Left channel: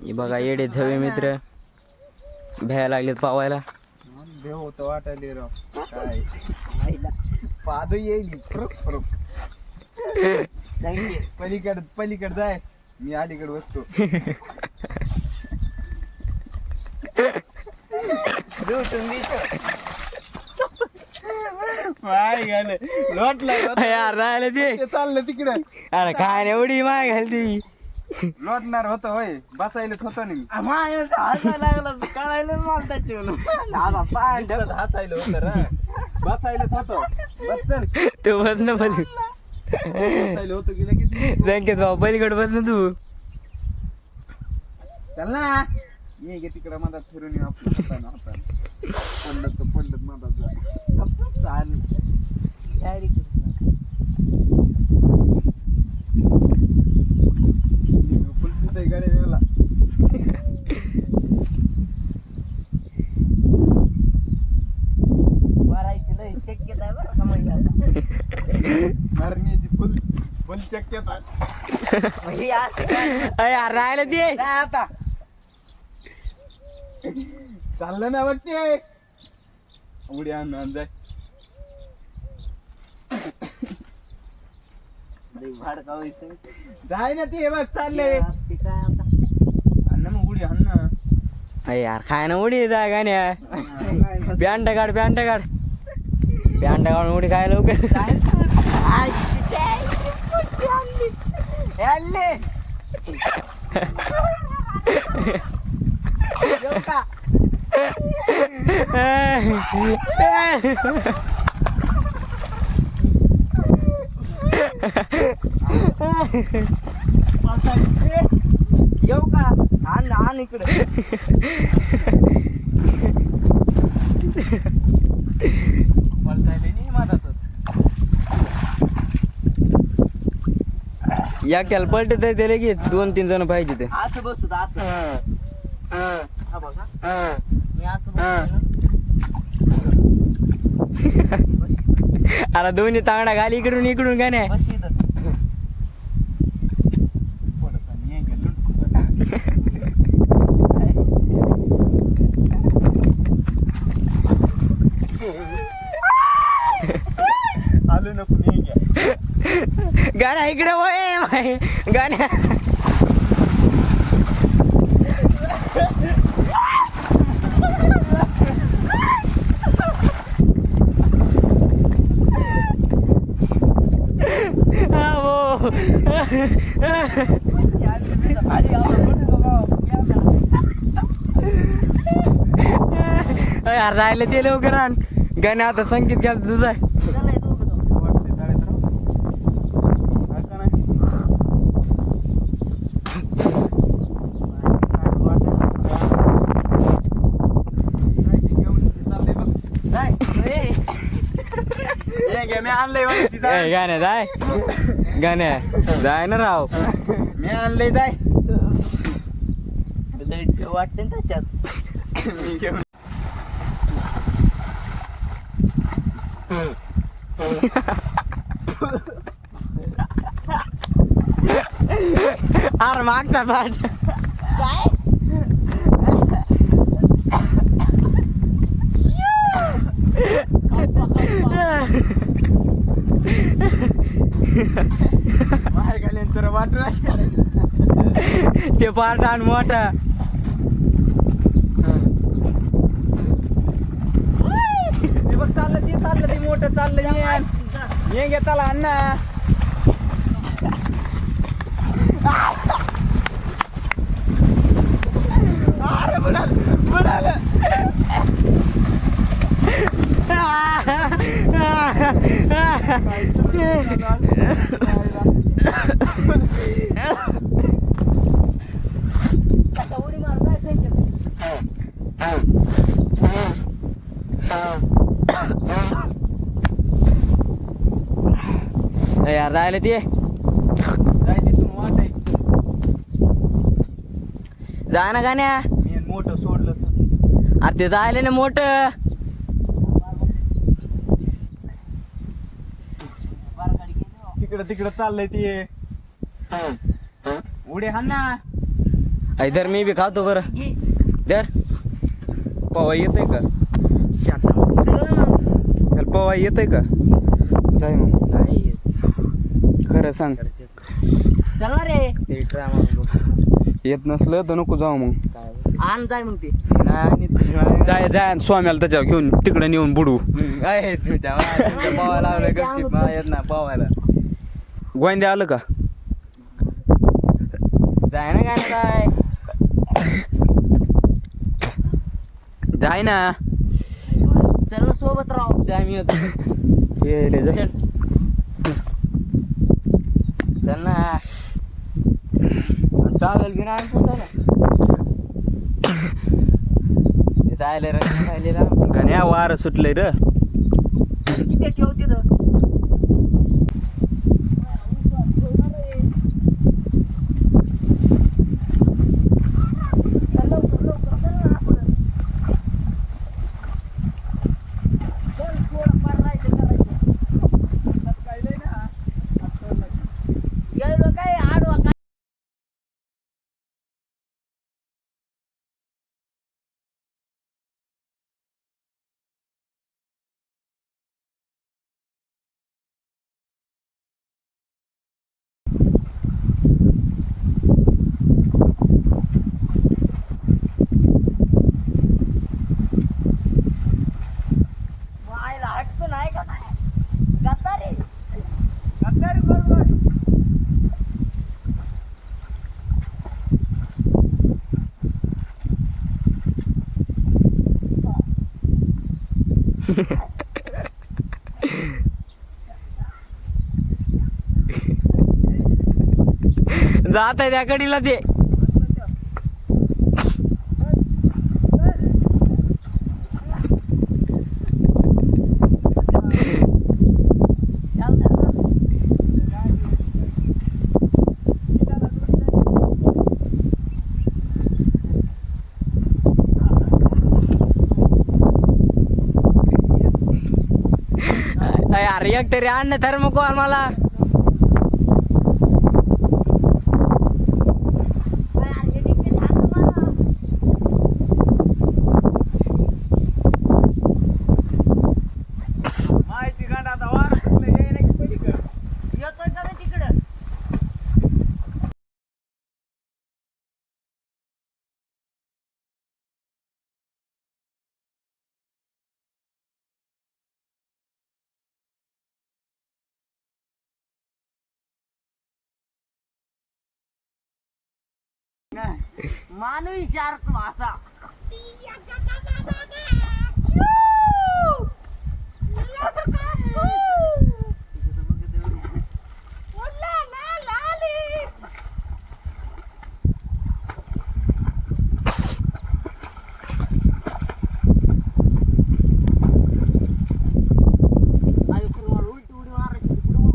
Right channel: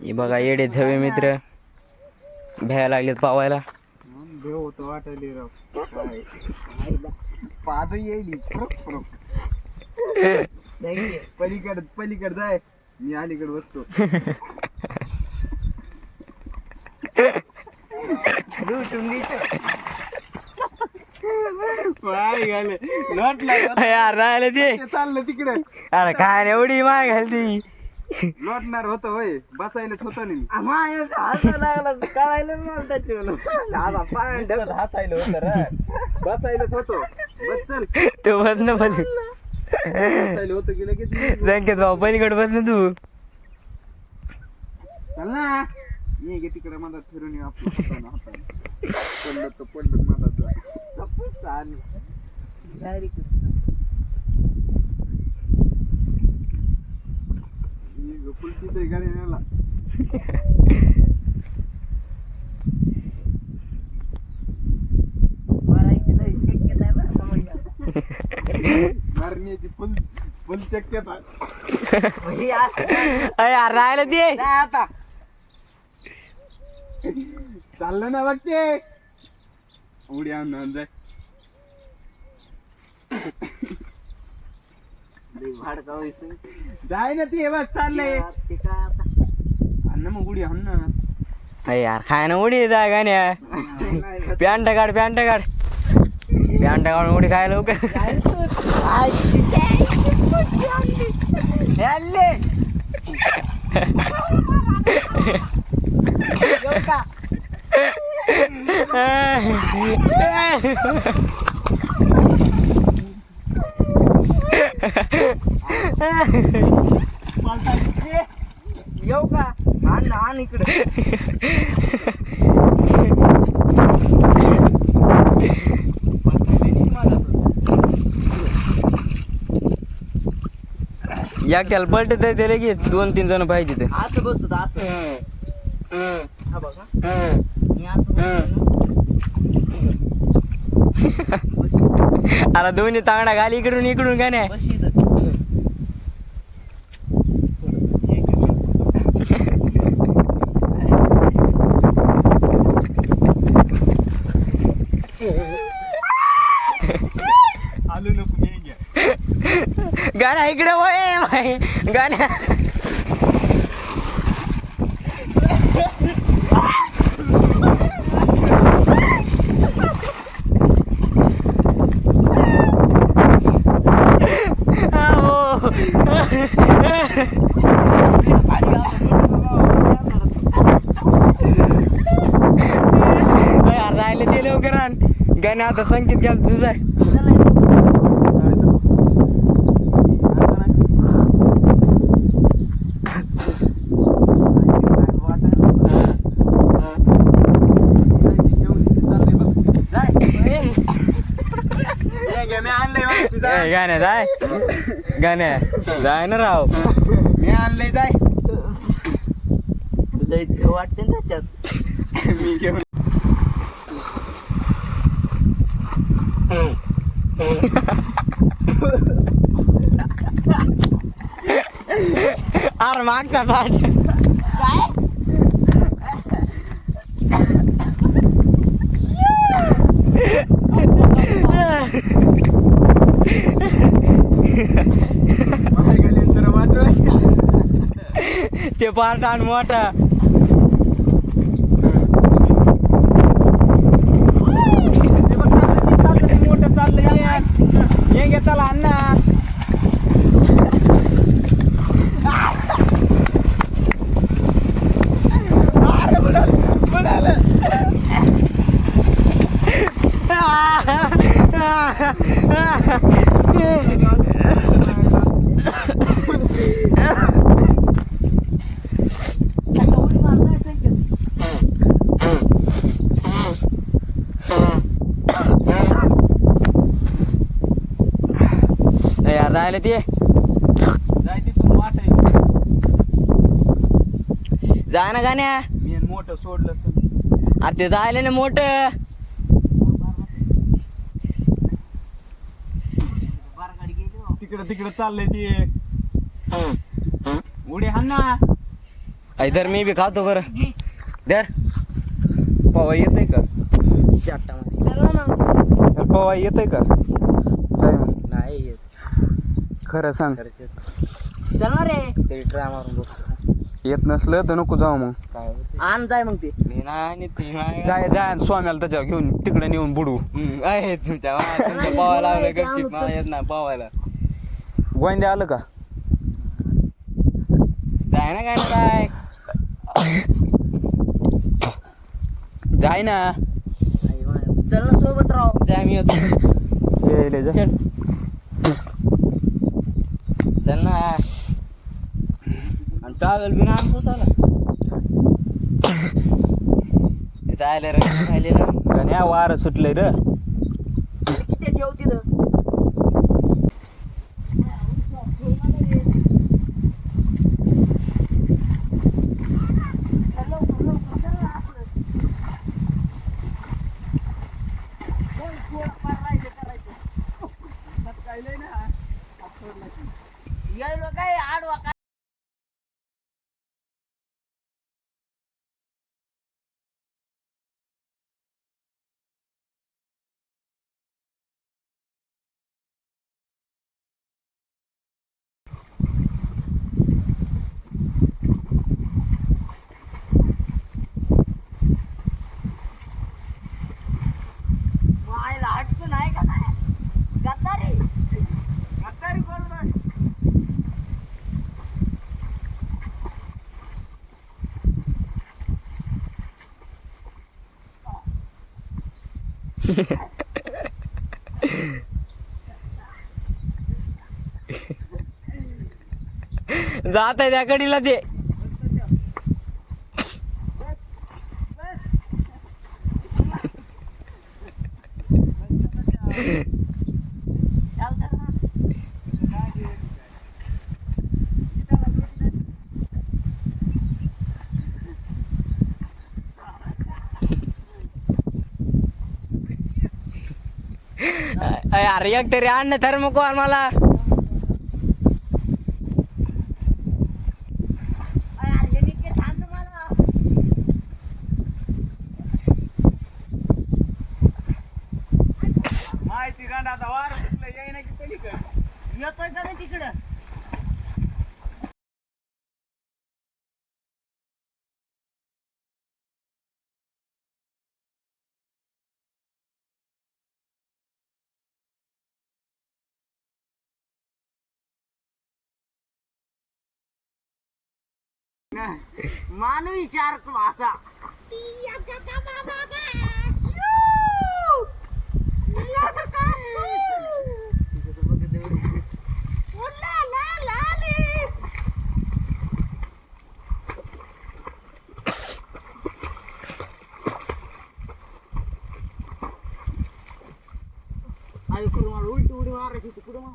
हे बघा येडे झवे मित्र. भ्यायला लागलेत पावायला. देव होतं वाटायला पाद येईल. पलीकड पलीकड जाय. मी अलीकडे बसतो. लुटून दिसतो घाले लोटला यार राहिले ते. चाललं तिकडे. अरे काय एवढी माय घालती. लोटणार होतं होय बसायलाच होतं नाही कळायला मला त्याच्यावर पाय हसायला होतं रे. बसायलाच होतं बस चल. तू बस ना बसायला होतं की लगेच संकेत भाऊ पलीकडे बस ना तू. चल ना. ये गे तिकडे मधात फिरून पडलं तर पडलं जा चालेल. डायरेक्ट गाडी मरण्याची फुल फुल शक्यता म्हणजे अरे यार राहिलं ते काय आता. चाललं ना बघ ते उडी आणून आण जाय. भाडका व्हायचं जाय ना ते बघ चाललंय. ते काय आता? आण ना मग उडी आण ना. अरे यार खाय ना उडी जा गाण्या. पॅन्ट काढ पॅन्ट काढ. पॅन्ट काढून उडी काय लवकर. येऊ का आण आण इकडे एकट्याला पलटे तर ते लगेच दोन तीन जण पाहिजे ते. असं बसू असं. हा बघा. अरे दोन्ही तांगडा घाल इकडून इकडून का नाही? गाणं इकडे वय गाणं हा, हो. अरे यार, राहिले ते लवकर आण. गाण्या आता संकेत घ्याल तुझा मागची जाय. गाण्या. जाय ना राव. मी आणलंय जाय. वाटते ना त्याच्यात. मी घेऊन अरे मागचा पाठ. वाटलं ते पाठ आण मोठा मोठं चाललं ये. ये घे चला अण्णा अरे बुडालं, बुडालं. आता उडी मार काय संकेत यार राहिले ते. जा ना गाण्या. मोठं सोडलं तर. अरे ते जायला ना मोठ बार गाडी गेली इकडे तिकडे चाललंय ते. उडे हा ना. इधर मी बी खातो बरं. दर पवा येतय का? पवा येतय का? मग नाही खरं सांग. चल ना रे. ते ट्राय मारून बघ. येत नसलं तर नको जाऊ मग. काय आण जाय मग ते. नाही आणि ते नाही. जाय जाय आणि स्वाम्याला त्याच्यावर घेऊन तिकडे नेऊन बुडू. आहे तुमच्या पावायला लावलं गपचिप. मला येत नाही पावायला. गोंद्या आलं का? जाय ना काय ना काय? जाय ना. चल ना सोबत राहू. जाय मी होतो ये ले जा. चल. ना. ट्रॅव्हल बी नाही पोचायला आले रंग गण्या वार सुटलंय रे. किती ठेव तिथं चल लवकर, लवकर, चल ना आपण. चल, थोडंफार राहायचं, करायचं. यायलो काय आडवा काय व्हायला हटकून आहे का काय गद्दारी गद्दारी बोलतोय जात आहे त्या कडीला ते चल चल अरे एक तरी अन्न ना थर्मोकॉल मला माहिती गांड आता वार सुटलं येईना की पलीकडं. येतोय का रे तिकडं मानवी शार्क भाषा आणि करून मला उलटी उडी मारायची होती, पुढं मार.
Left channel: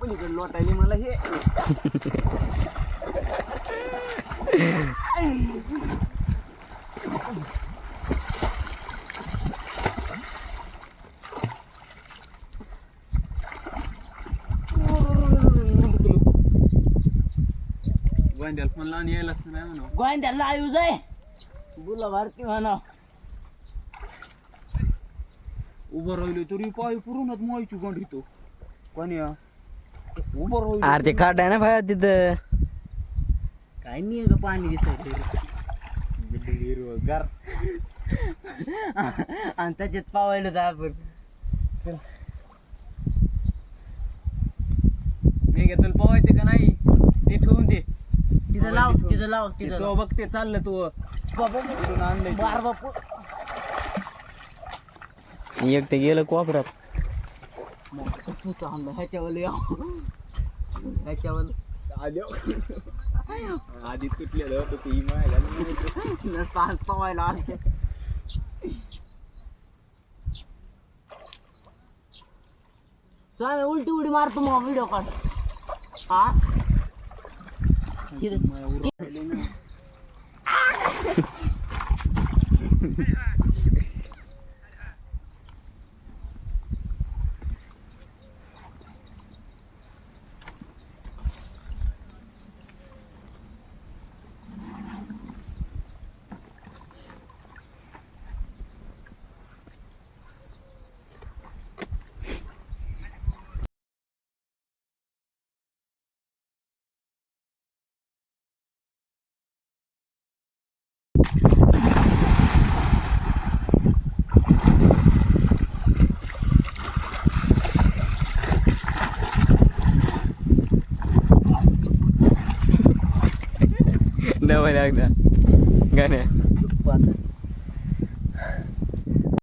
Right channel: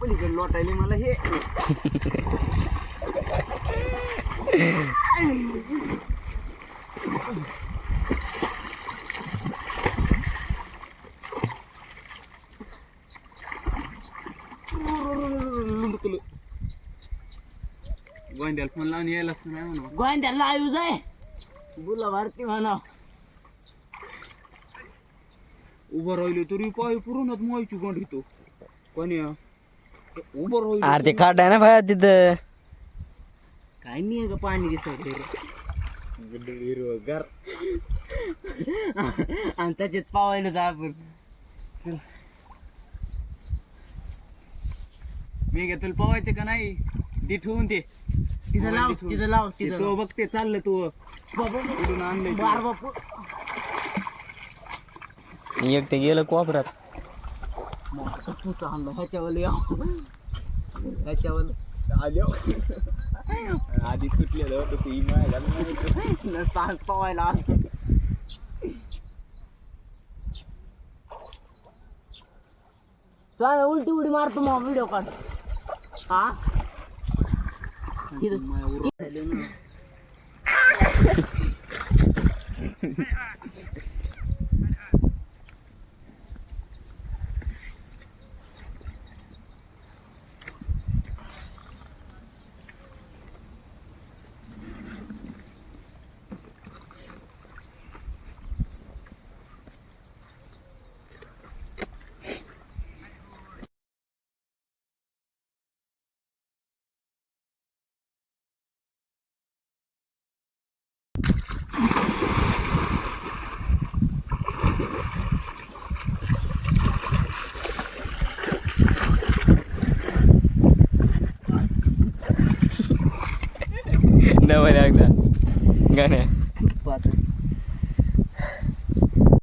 पुढे जायला की त्याची आईची गाडी आहे. अरे पलीकडे लोटायली मला हे. गोंद्याला फोन लावून यायलाच नाही म्हणा. गोंद्याला आयु जाय. बुला भारती म्हणा उभं राहिलो तरी पाय उभं राहिलो अरे ते खाट आहे ना भाया तिथं. काय नाही ग पाणी दिसायचं हिरवगार. आणि त्याच्यात पावायला जा आपण. चल. मी घेतलं पवायचे का नाही? ते ठेवून दे. तिथं लाव तिथं लाव ते तिथं तो बघते चाललं तू. आणलंय ते. बार बापू. एक ते गेलं कोपऱ्यात तूच आणलं ह्याच्यावर याव ह्याच्यावर आलो आधी तुटलेलं होतं ते इमाय घालून नसता पवायला आलं सांग उलटी उडी मारतो मग व्हिडिओ काढ हा इथं- नवं एकदा गाण्या पाहतो.